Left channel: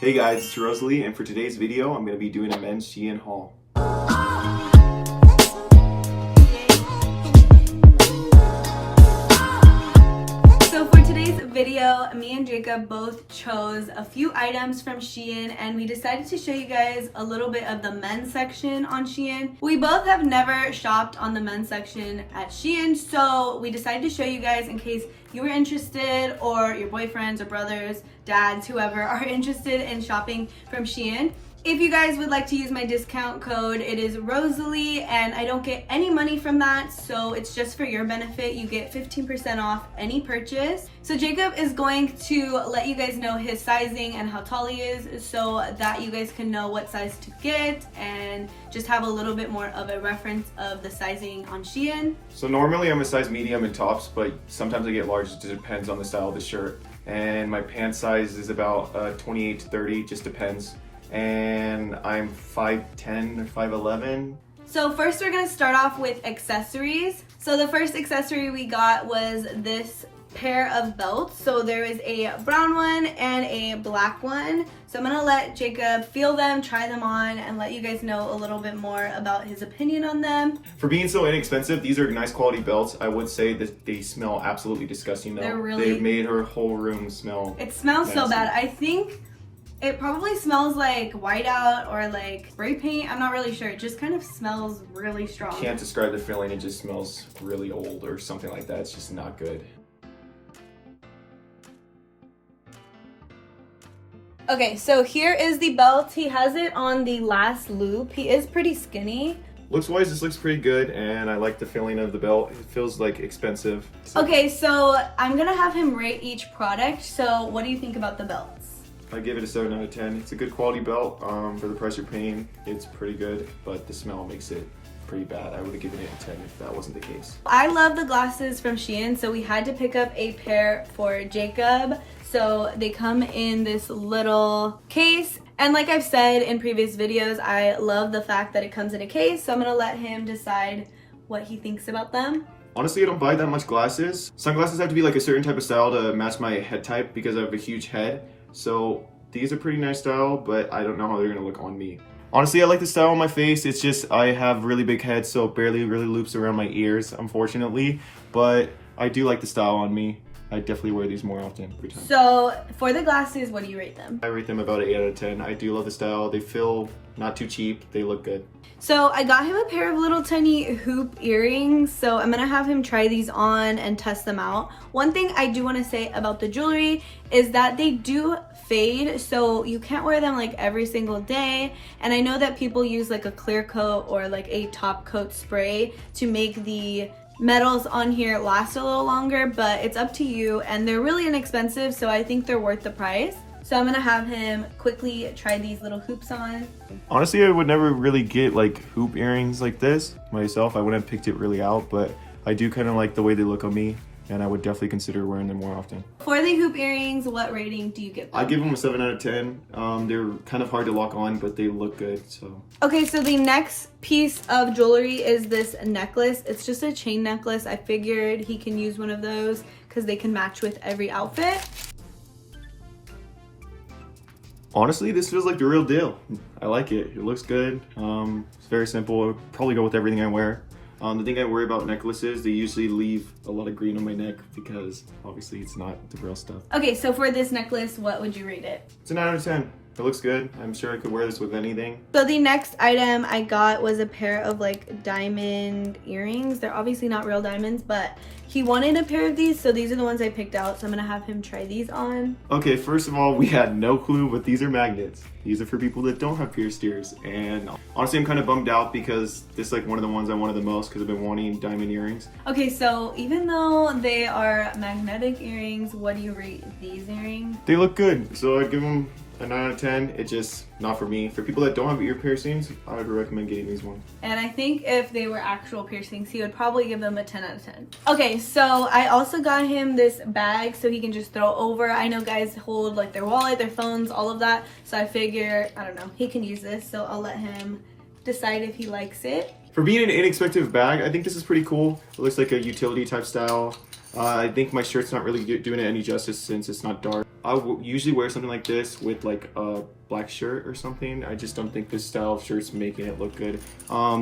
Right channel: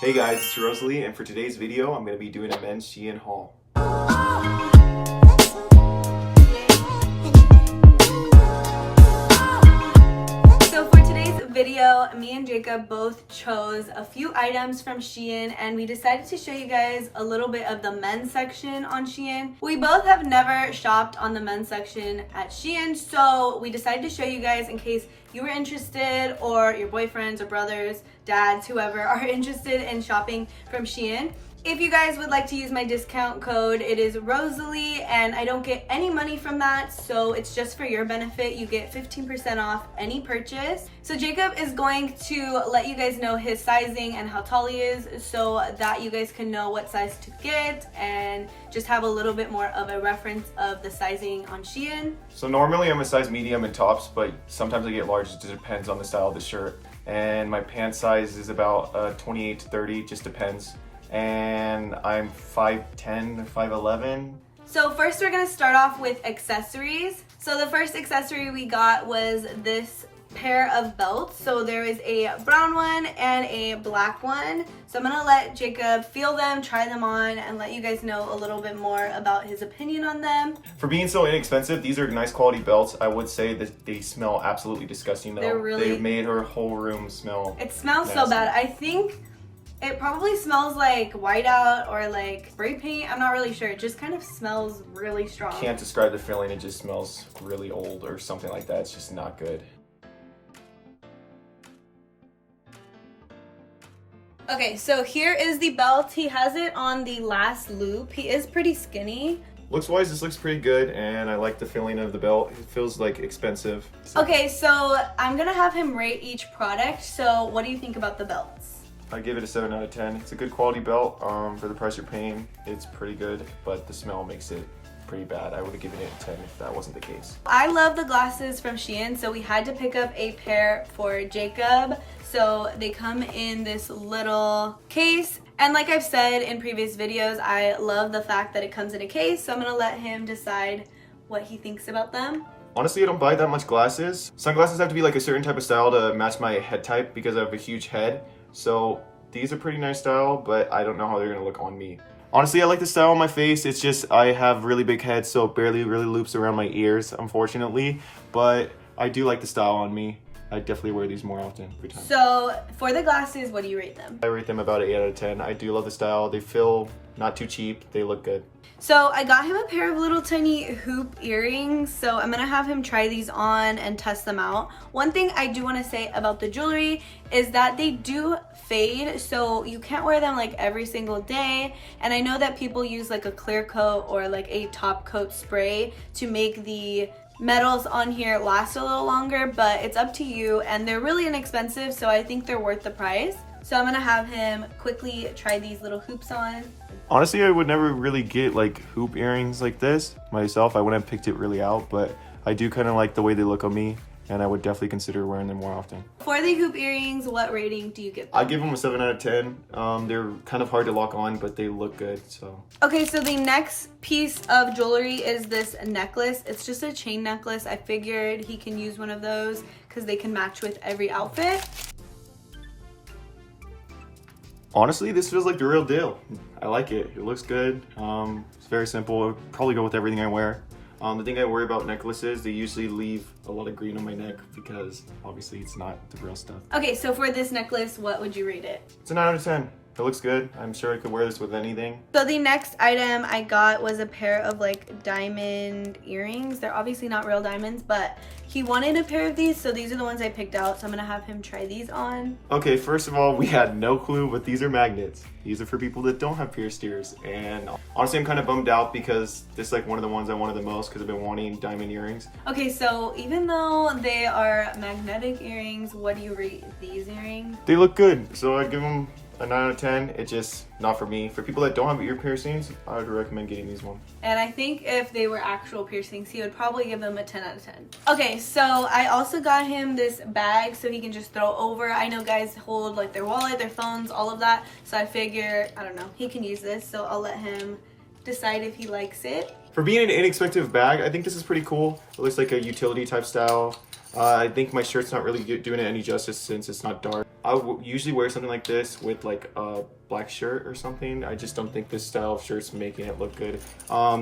Hey guys, it's Rosalie, and for today's video, I'm going to be doing a men's SHEIN haul. So for today's video, me and Jacob both chose a few items from SHEIN, and we decided to show you guys a little bit of the men's section on SHEIN. We both have never shopped on the men's section at SHEIN, so we decided to show you guys in case you were interested, or your boyfriends or brothers, dads, whoever are interested in shopping from SHEIN. If you guys would like to use my discount code, it is Rosalie, and I don't get any money from that, so it's just for your benefit. You get 15% off any purchase. So Jacob is going to let you guys know his sizing and how tall he is, so that you guys can know what size to get and just have a little bit more of a reference of the sizing on SHEIN. So normally I'm a size medium in tops, but sometimes I get large. It just depends on the style of the shirt. And my pant size is about 28 to 30, just depends. And I'm 5'10" or 5'11". So first we're gonna start off with accessories. So the first accessory we got was this pair of belts. So there is a brown one and a black one. So I'm gonna let Jacob feel them, try them on, and let you guys know a little bit more about his opinion on them. For being so inexpensive, these are nice quality belts. I would say that they smell absolutely disgusting though. They made her whole room smell. It smells nasty. So bad. I think it probably smells like whiteout or like spray paint. I'm not really sure. It just kind of smells really strong. Can't describe the feeling. It just smells really old or something like that. It's just not good. Okay, so here is the belt. He has it on the last loop. He is pretty skinny. Looks wise, this looks pretty good, and I like the feeling of the belt. It feels like expensive. Okay, so I'm gonna have him rate each product. So what do you think about the belts? I give it a 7 out of 10. It's a good quality belt for the price you're paying. It's pretty good, but the smell makes it pretty bad. I would have given it a 10 if that wasn't the case. I love the glasses from SHEIN, so we had to pick up a pair for Jacob. So they come in this little case. And like I've said in previous videos, I love the fact that it comes in a case. So I'm gonna let him decide what he thinks about them. Honestly, I don't buy that much glasses. Sunglasses have to be like a certain type of style to match my head type because I have a huge head. So these are pretty nice style, but I don't know how they're gonna look on me. Honestly, I like the style on my face. It's just I have really big head, so it barely really loops around my ears, unfortunately. But I do like the style on me. I definitely wear these more often every time. So for the glasses, what do you rate them? I rate them about an 8 out of 10. I do love the style. They feel not too cheap. They look good. So I got him a pair of little tiny hoop earrings. So I'm gonna have him try these on and test them out. One thing I do wanna say about the jewelry is that they do fade. So you can't wear them like every single day. And I know that people use like a clear coat or like a top coat spray to make the metals on here last a little longer, but it's up to you, and they're really inexpensive, so I think they're worth the price. So I'm gonna have him quickly try these little hoops on. Honestly, I would never really get like hoop earrings like this myself. I wouldn't have picked it really out, but I do kind of like the way they look on me, and I would definitely consider wearing them more often. For the hoop earrings, what rating do you give them? I give them a 7 out of 10. They're kind of hard to lock on, but they look good, so. Okay, so the next piece of jewelry is this necklace. It's just a chain necklace. I figured he can use one of those because they can match with every outfit. Honestly, this feels like the real deal. I like it. It looks good. It's very simple. It'll probably go with everything I wear. The thing I worry about necklaces, they usually leave a lot of green on my neck because obviously it's not the real stuff. Okay, so for this necklace, what would you rate it? It's a 9 out of 10. It looks good. I'm sure I could wear this with anything. So the next item I got was a pair of like diamond earrings. They're obviously not real diamonds, but he wanted a pair of these, so these are the ones I picked out. So I'm gonna have him try these on. Okay, first of all, we had no clue, but these are magnets. These are for people that don't have pierced ears. And honestly, I'm kind of bummed out because this is like one of the ones I wanted the most because I've been wanting diamond earrings. Okay, so even though they are magnetic earrings, what do you rate these earrings? They look good, so I give them a 9 out of 10. It's just not for me. For people that don't have ear piercings, I would recommend getting these ones. And I think if they were actual piercings, he would probably give them a 10 out of 10. Okay, so I also got him this bag so he can just throw over. I know guys hold like their wallet, their phones, all of that. So I figure, I don't know, he can use this. So I'll let him decide if he likes it. For being an inexpensive bag, I think this is pretty cool. It looks like a utility type style. I think my shirt's not really doing it any justice since it's not dark. I would usually wear something like this with like a black shirt or something. I just don't think this style of shirt's making it look good.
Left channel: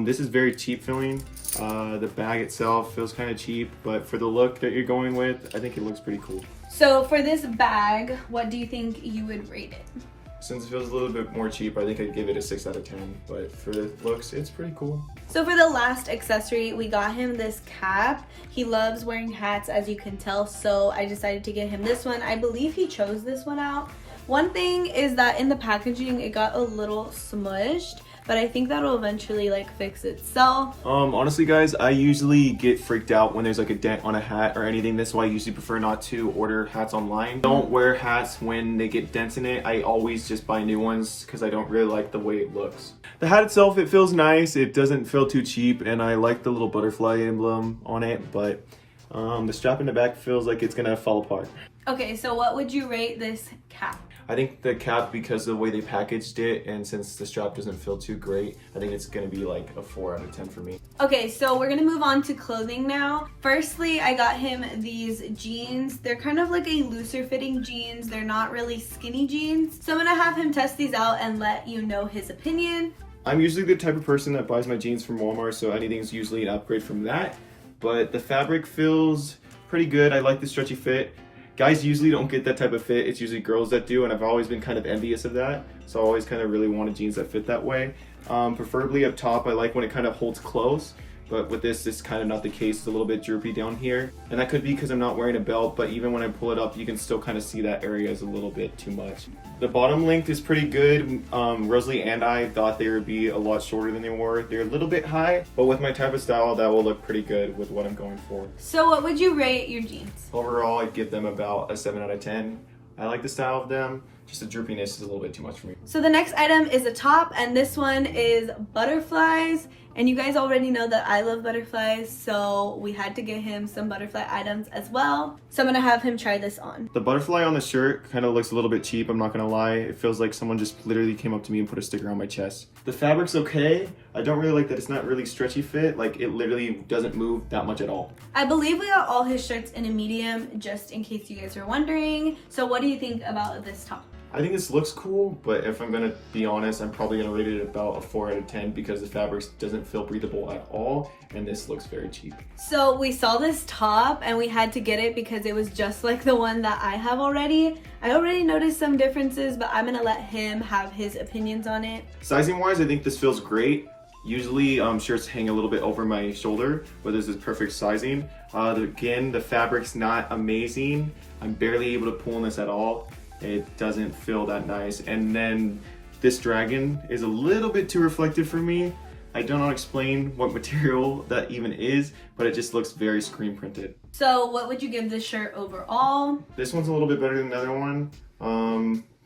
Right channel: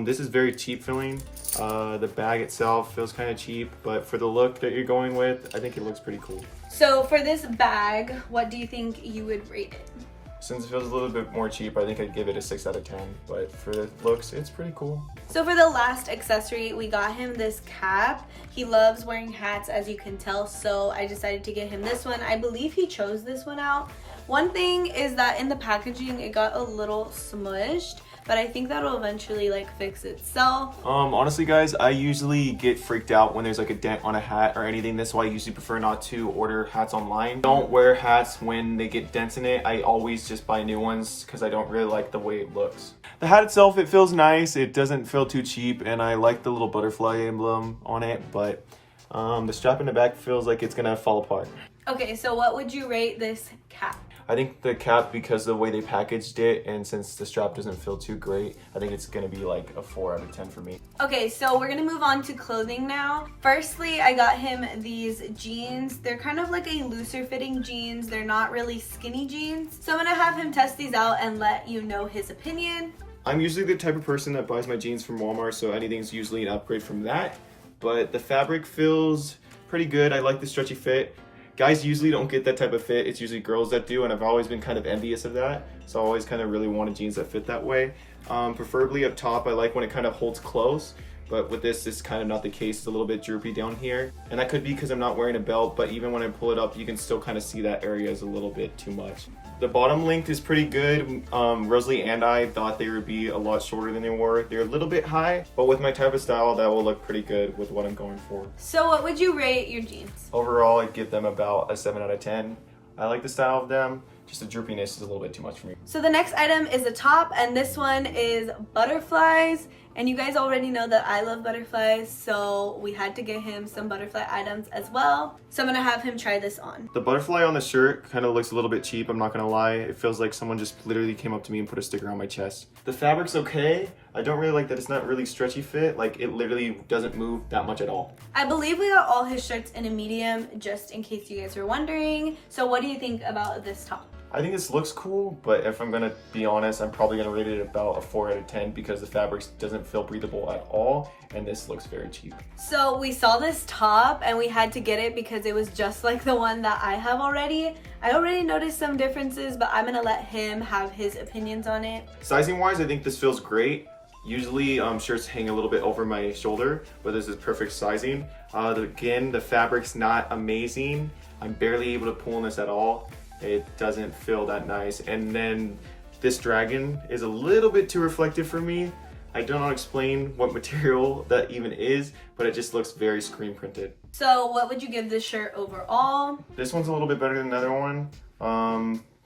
This is very cheap feeling. The bag itself feels kind of cheap, but for the look that you're going with, I think it looks pretty cool. So for this bag, what do you think you would rate it? Since it feels a little bit more cheap, I think I'd give it a 6 out of 10, but for the looks, it's pretty cool. So for the last accessory, we got him this cap. He loves wearing hats, as you can tell, so I decided to get him this one. I believe he chose this one out. One thing is that in the packaging, it got a little smushed, but I think that'll eventually like fix itself. Honestly guys, I usually get freaked out when there's like a dent on a hat or anything. That's why I usually prefer not to order hats online. Don't wear hats when they get dents in it. I always just buy new ones because I don't really like the way it looks. The hat itself, it feels nice. It doesn't feel too cheap, and I like the little butterfly emblem on it, but the strap in the back feels like it's gonna fall apart. Okay, so what would you rate this cap? I think the cap, because of the way they packaged it, and since the strap doesn't feel too great, I think it's gonna be like a 4 out of 10 for me. Okay, so we're gonna move on to clothing now. Firstly, I got him these jeans. They're kind of like a looser fitting jeans. They're not really skinny jeans. So I'm gonna have him test these out and let you know his opinion. I'm usually the type of person that buys my jeans from Walmart, so anything's usually an upgrade from that. But the fabric feels pretty good. I like the stretchy fit. Guys usually don't get that type of fit. It's usually girls that do, and I've always been kind of envious of that. So I always kind of really wanted jeans that fit that way. Preferably up top, I like when it kind of holds close. But with this, it's kind of not the case. It's a little bit droopy down here. And that could be because I'm not wearing a belt, but even when I pull it up, you can still kind of see that area is a little bit too much. The bottom length is pretty good. Rosalie and I thought they would be a lot shorter than they were. They're a little bit high, but with my type of style, that will look pretty good with what I'm going for. So what would you rate your jeans? Overall, I'd give them about a 7 out of 10. I like the style of them. Just the droopiness is a little bit too much for me. So the next item is a top, and this one is butterflies. And you guys already know that I love butterflies, so we had to get him some butterfly items as well. So I'm gonna have him try this on. The butterfly on the shirt kind of looks a little bit cheap, I'm not gonna lie. It feels like someone just literally came up to me and put a sticker on my chest. The fabric's okay. I don't really like that it's not really stretchy fit. Like, it literally doesn't move that much at all. I believe we got all his shirts in a medium, just in case you guys are wondering. So what do you think about this top? I think this looks cool, but if I'm gonna be honest, I'm probably gonna rate it about a 4 out of 10 because the fabric doesn't feel breathable at all, and this looks very cheap. So we saw this top and we had to get it because it was just like the one that I have already. I already noticed some differences, but I'm gonna let him have his opinions on it. Sizing wise, I think this feels great. Usually shirts hang a little bit over my shoulder, but this is perfect sizing. Again, the fabric's not amazing. I'm barely able to pull on this at all. It doesn't feel that nice. And then this dragon is a little bit too reflective for me. I don't know how to explain what material that even is, but it just looks very screen printed. So what would you give this shirt overall? This one's a little bit better than the other one.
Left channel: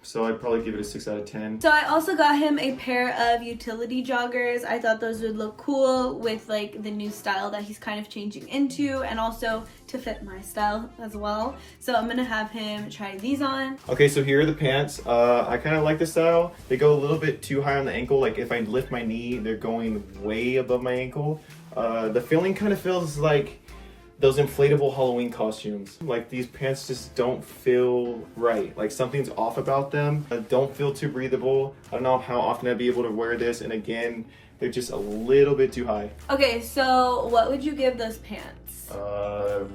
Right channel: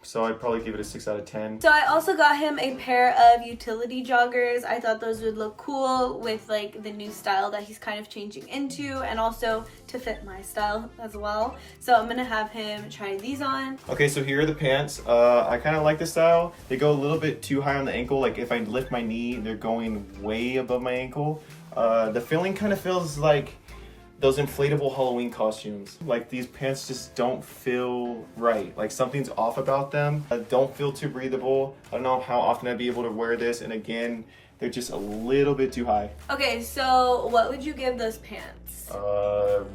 So I'd probably give it a 6 out of 10. So I also got him a pair of utility joggers. I thought those would look cool with like the new style that he's kind of changing into, and also to fit my style as well. So I'm gonna have him try these on. Okay, so here are the pants. I kind of like this style. They go a little bit too high on the ankle. Like if I lift my knee, they're going way above my ankle. The feeling kind of feels like those inflatable Halloween costumes. Like, these pants just don't feel right. Like, something's off about them. Don't feel too breathable. I don't know how often I'd be able to wear this, and again, they're just a little bit too high. Okay, so what would you give those pants?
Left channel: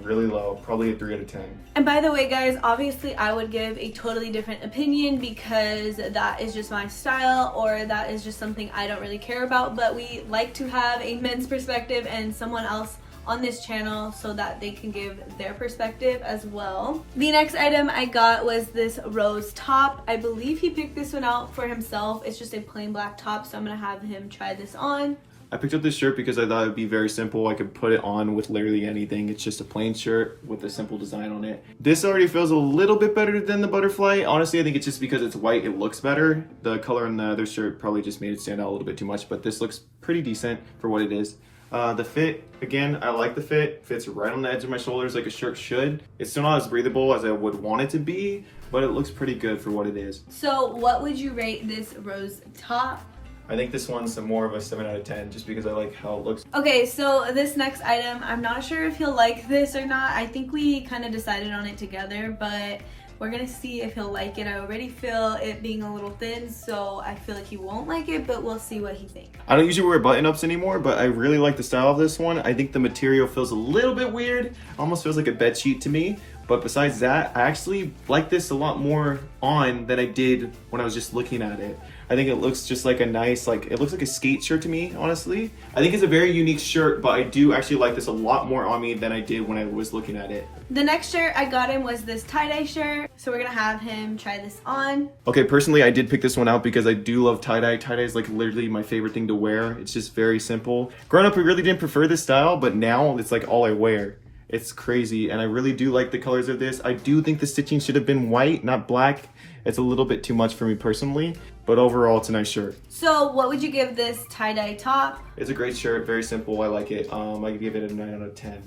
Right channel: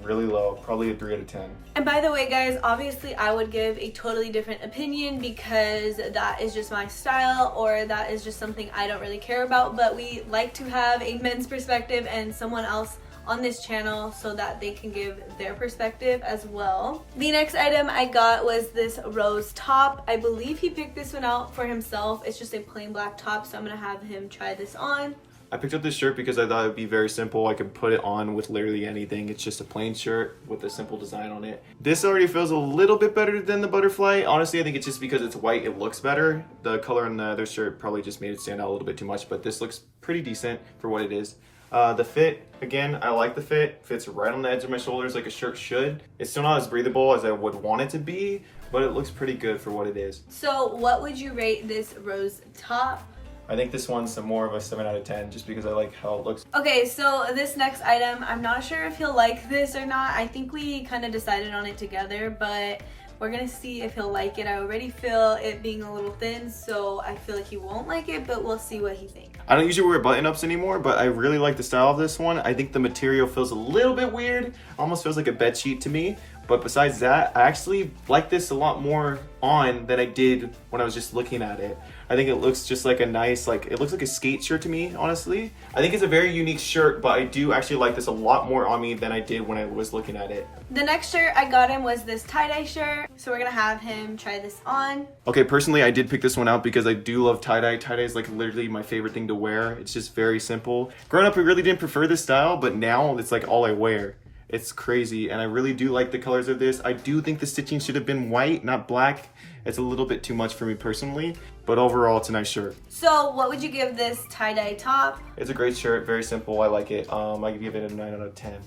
Really low, probably a 3 out of 10. And by the way, guys, obviously I would give a totally different opinion because that is just my style, or that is just something I don't really care about, but we like to have a men's perspective and someone else on this channel so that they can give their perspective as well. The next item I got was this rose top. I believe he picked this one out for himself. It's just a plain black top, so I'm gonna have him try this on. I picked up this shirt because I thought it'd be very simple. I could put it on with literally anything. It's just a plain shirt with a simple design on it. This already feels a little bit better than the butterfly. Honestly, I think it's just because it's white, it looks better. The color on the other shirt probably just made it stand out a little bit too much, but this looks pretty decent for what it is. The fit, again, I like the fit. Fits right on the edge of my shoulders like a shirt should. It's still not as breathable as I would want it to be, but it looks pretty good for what it is. So what would you rate this rose top? I think this one's more of a 7 out of 10 just because I like how it looks. Okay, so this next item, I'm not sure if he'll like this or not. I think we kind of decided on it together, but we're gonna see if he'll like it. I already feel it being a little thin, so I feel like he won't like it, but we'll see what he thinks. I don't usually wear button-ups anymore, but I really like the style of this one. I think the material feels a little bit weird. Almost feels like a bed sheet to me. But besides that, I actually like this a lot more on than I did when I was just looking at it. I think it looks just like a nice, like, it looks like a skate shirt to me, honestly. I think it's a very unique shirt, but I do actually like this a lot more on me than I did when I was looking at it. The next shirt I got him was this tie-dye shirt, so we're gonna have him try this on. Okay, personally, I did pick this one out because I do love tie-dye. Tie-dye is like literally my favorite thing to wear. It's just very simple. Growing up, I really didn't prefer this style, but now it's like all I wear. It's crazy, and I really do like the colors of this. I do think the stitching should have been white, not black. It's a little bit too much for me personally, but overall, it's a nice shirt. So what would you give this tie-dye top? It's a great shirt, very simple. I like it. I could give it a 9 out of 10.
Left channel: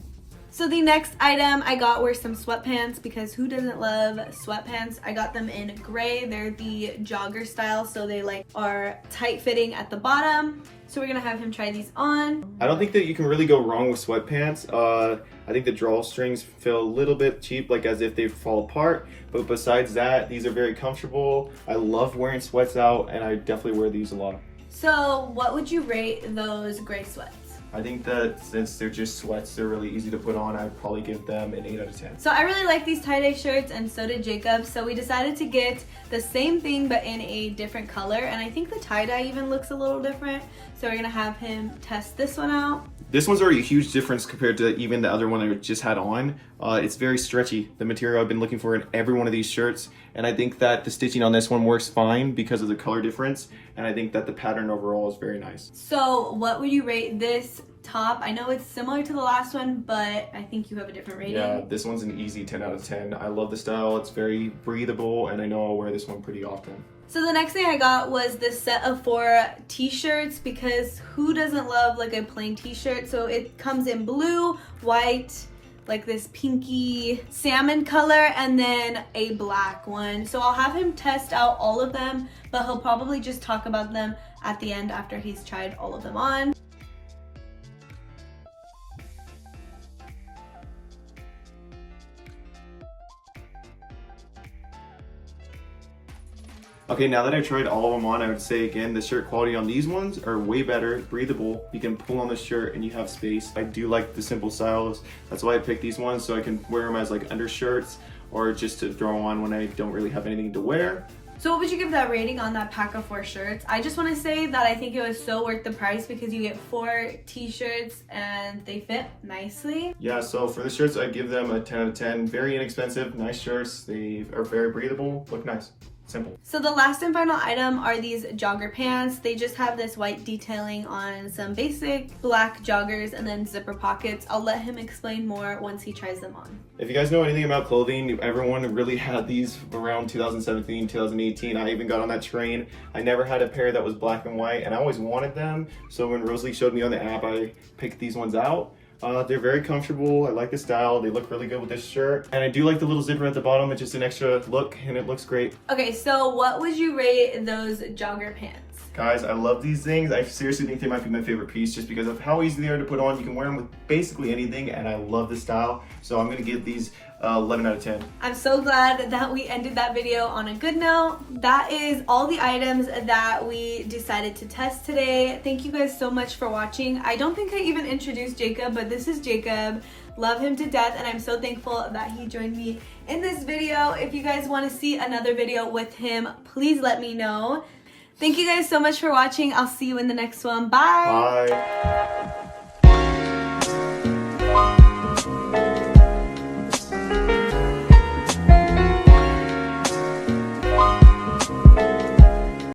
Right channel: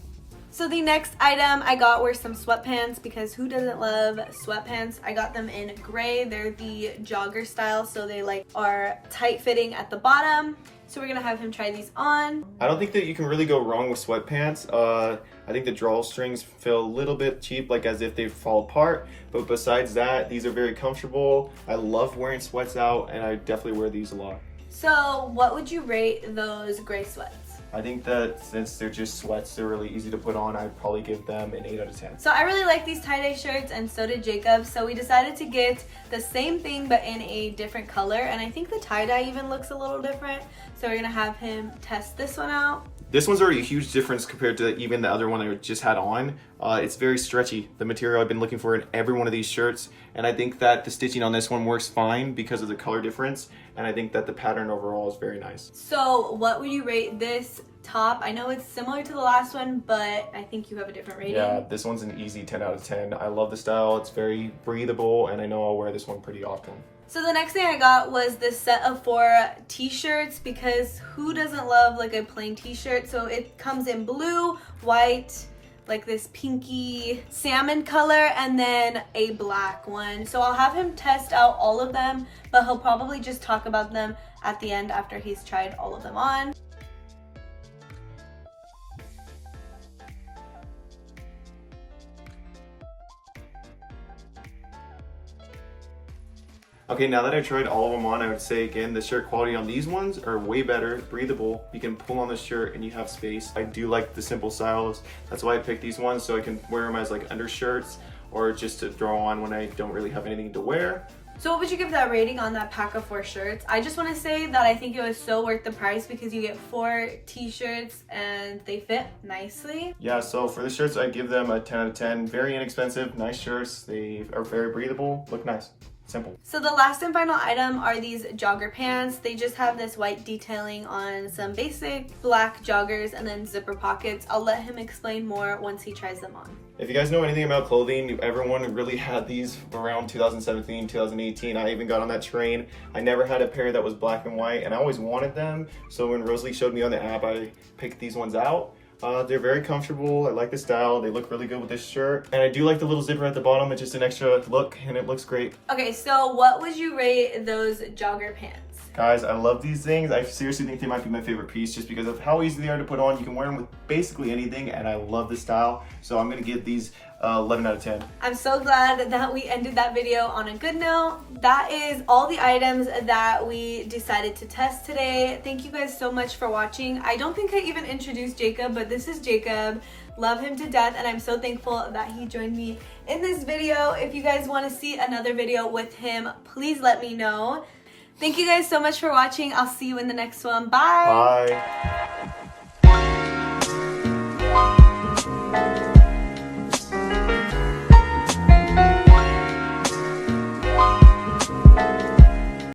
So the next item I got were some sweatpants, because who doesn't love sweatpants? I got them in gray. They're the jogger style, so they like are tight fitting at the bottom. So we're gonna have him try these on. I don't think that you can really go wrong with sweatpants. I think the drawstrings feel a little bit cheap, like as if they fall apart. But besides that, these are very comfortable. I love wearing sweats out, and I definitely wear these a lot. So what would you rate those gray sweats? I think that since they're just sweats, they're really easy to put on. I'd probably give them an 8 out of 10. So I really like these tie-dye shirts, and so did Jacob. So we decided to get the same thing but in a different color, and I think the tie-dye even looks a little different. So we're gonna have him test this one out. This one's already a huge difference compared to even the other one I just had on. It's very stretchy, the material I've been looking for in every one of these shirts. And I think that the stitching on this one works fine because of the color difference. And I think that the pattern overall is very nice. So what would you rate this top? I know it's similar to the last one, but I think you have a different rating. Yeah, this one's an easy 10 out of 10. I love the style. It's very breathable, and I know I'll wear this one pretty often. So the next thing I got was this set of 4 t-shirts, because who doesn't love like a plain t-shirt? So it comes in blue, white, like this pinky salmon color, and then a black one. So I'll have him test out all of them, but he'll probably just talk about them at the end after he's tried all of them on. Okay, now that I've tried all of them on, I would say again, the shirt quality on these ones are way better, breathable. You can pull on the shirt and you have space. I do like the simple styles. That's why I picked these ones, so I can wear them as like undershirts or just to throw on when I don't really have anything to wear. So what would you give that rating on that pack of 4 shirts? I just want to say that I think it was so worth the price, because you get 4 t-shirts and they fit nicely. Yeah, so for the shirts, I give them a 10 out of 10. Very inexpensive, nice shirts. They are very breathable, look nice. Simple. So the last and final item are these jogger pants. They just have this white detailing on some basic black joggers and then zipper pockets. I'll let him explain more once he tries them on. If you guys know anything about clothing, everyone really had these around 2017, 2018. I even got on that train. I never had a pair that was black and white, and I always wanted them. So when Rosalie showed me on the app, I picked these ones out. They're very comfortable. I like the style. They look really good with this shirt. And I do like the little zipper at the bottom. It's just an extra look, and it looks great. Okay, so what would you rate those jogger pants? Guys, I love these things. I seriously think they might be my favorite piece just because of how easy they are to put on. You can wear them with basically anything, and I love the style. So I'm going to give these 11 out of 10. I'm so glad that we ended that video on a good note. That is all the items that we decided to test today. Thank you guys so much for watching. I don't think I even introduced Jacob, but this is Jacob. Love him to death, and I'm so thankful that he joined me in this video. If you guys want to see another video with him, please let me know. Thank you guys so much for watching. I'll see you in the next one. Bye. Bye.